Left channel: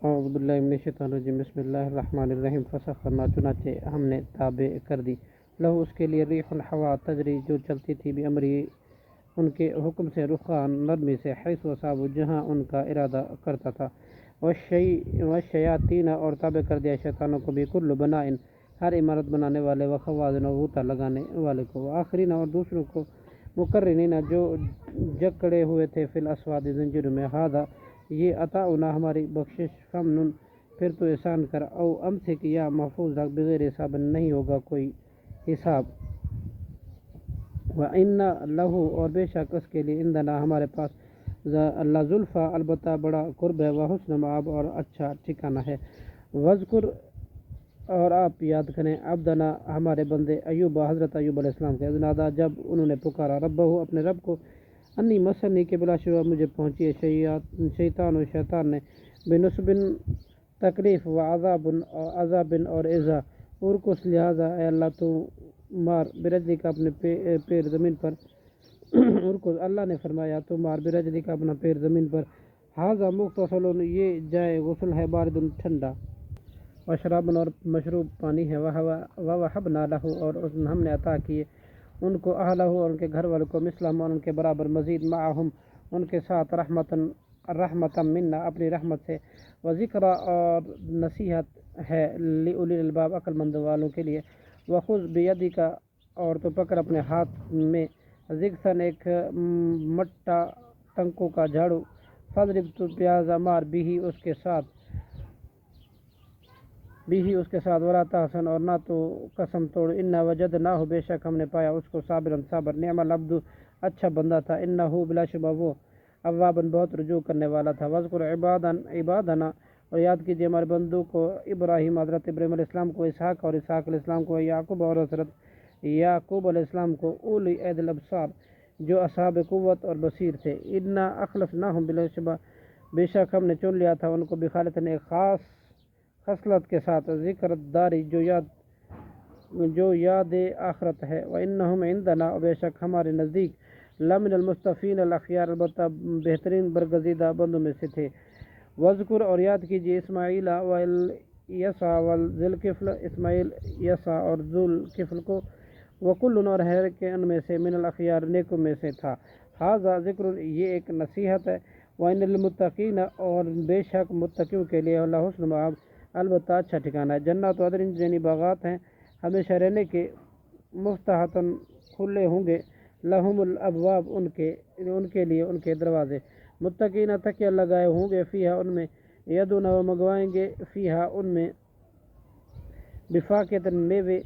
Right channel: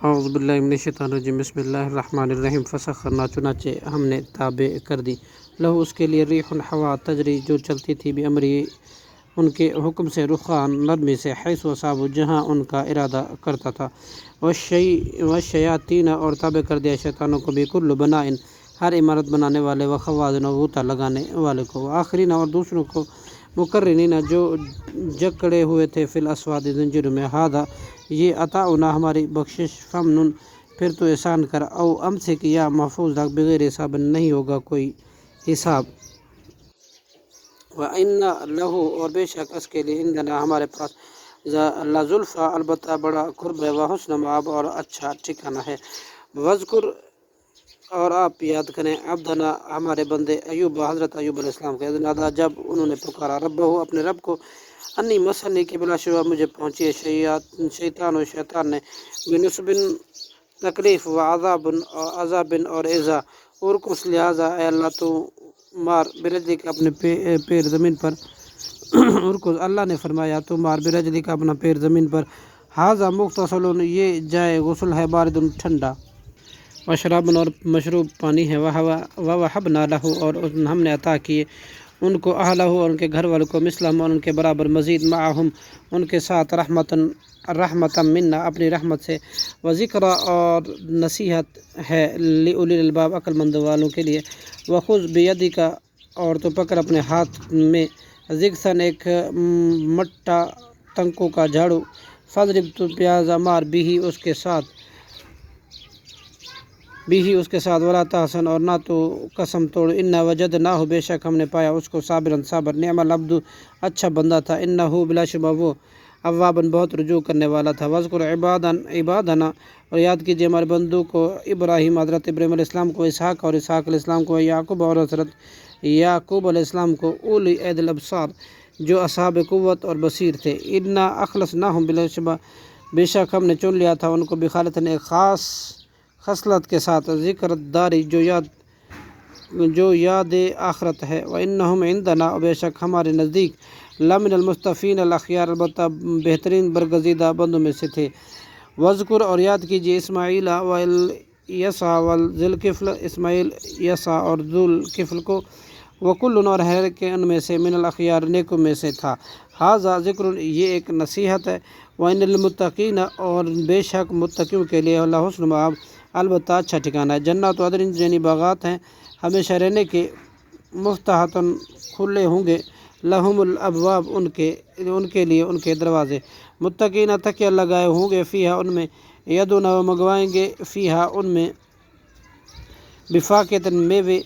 اعوذ باللہ من الشیطان الرجیم بسم اللہ الرحمن الرحیم فسخرنا چنانچہ ہم نے تابع کر دی لہو اس کے لیے ریح ہوا تجری جو چلتی تھی بامری ان کے حکم سے رخان نرمی سے حیث وصاب جہاں ان کا ارادہ کرتا تھا والشیاطین اور تابع کر دیا شیطانوں کو بکل بنائن ہر عمارت بنانے والے و خوازن و غوطہ لگانے والے کو وآخرین اور دوسروں کو مقرنین جو جکڑے ہوئے تھے فی الاسواد زنجیروں میں ہادہ یہ عطاؤنا ہماری بخشش فمنن پھر تو احسان کر او امسک یا محفوظ رکھ بغیر حساب نہیں ہوگا کوئی حساب وَإِنَّ لَهُ اور بے شک اس کے لیے عندنا ہمارے پاس لَزُلْفَىٰ البتہ بڑا قرب ہے وحسن مآب اور اچھا ٹھکانہ ہے وذکر اور آپ یاد کریں عبدنا ہمارے بندے ایوب حضرت ایوب علیہ السلام کے اذ نادیٰ جب انہوں نے پکارا ربہ اپنے رب کو انی مسنی کے بلا شبہ مجھے پہنچی ہے شیطان نے بنصب تکلیف و عذاب اور ایذا ارکس لہٰذا اے اللہ تو مار برجلی کا اپنے پیر زمین پر ارکس اللہ نے فرمایا تو مار برجلی کا اپنا پیر زمین پر ھذا مغتسل یہ جائے غسل ہے بارد ٹھنڈا وشراب اور مشروب پانی ہے ووہبنا لہ اور ہم نے عطا کیے ان کو اہلہ اور ان کے گھر والوں کو مثلہم اور ان کے برابر مزید معہم ان کے ساتھ رحمتا منا اپنی رحمت سے وذکری اور نصیحت ہے لأولی الالباب عقل مند والوں کے لیے وخذ بیدک اور تو پکڑ اپنے ہاتھ میں ضغثاً ایک مٹا تنکوں کا جھاڑو فاضرب تو پیازا مار بھی اس کے ساتھ ولا تحسن اور نہ تو قسم توڑ انا وجدناہ بے شک ہم نے پایا اس کو صابرا صابر نعم العبد اچھا بندہ تھا انہ بلا شبہ وہ اواباً بہت رجوع کرنے والا تھا وذکر عبادنا اور یاد کیجیے ہمارے بندوں کو ابراہیم حضرت ابراہیم علیہ السلام کو اسحاق اور اسحاق علیہ السلام کو یعقوب اور حضرت یعقوب علیہ السلام کو اولی اید الابصار جو اصحاب قوت اور بصیر تھے انا اخلصناہم بلا شبہ بے شک ہم نے چن لیا تھا ان کو بخالتاً ایک خاص خصلت کے ساتھ ذکر داری جو یاد آخرت ہے وَإِنَّهُمْ عِنْدَنَا بے شک ہمارے نزدیک لَمِنَ الْمُصْطَفِينَ الْأَخْيَارِ البتہ بہترین برگزیدہ بندوں میں سے تھے وذکر اور یاد کیجیے اسماعیل والیسع وذوالکفل اسماعیل یسع اور ذوالکفل کو وکل اور ہر کے ان میں سے من الاخیار نیکوں میں سے تھا ھذا ذکر یہ ایک نصیحت ہے وَإِنَّ لِلْمُتَّقِينَ اور بے شک متقیوں کے لیے لحسن مآب البتہ اچھا ٹھکانہ ہے جنات عدن یعنی باغات ہیں ہمیشہ رہنے کے مفتحۃ کھلے ہوں گے لہم الابواب ان کے لیے ان کے دروازے متقین تکیہ لگائے ہوں گے فیہا ان میں یدون و منگوائیں گے فیہا ان میں بفاکہۃ میوے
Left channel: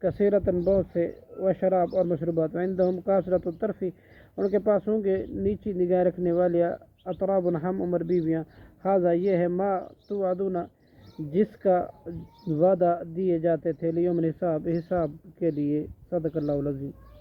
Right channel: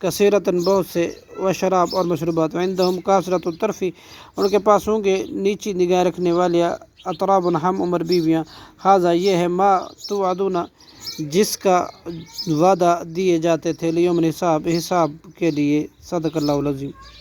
کثیرۃ بہت سے و شراب اور مشروبات عندہم کثرۃ الطرف ان کے پاس ہوں گے نیچی نگاہ رکھنے والے اطراب ہم عمر بیویاں ھذا یہ ہے ما توعدون جس کا وعدہ دیے جاتے تھے لیوم حساب کے لیے صدق اللہ العظیم.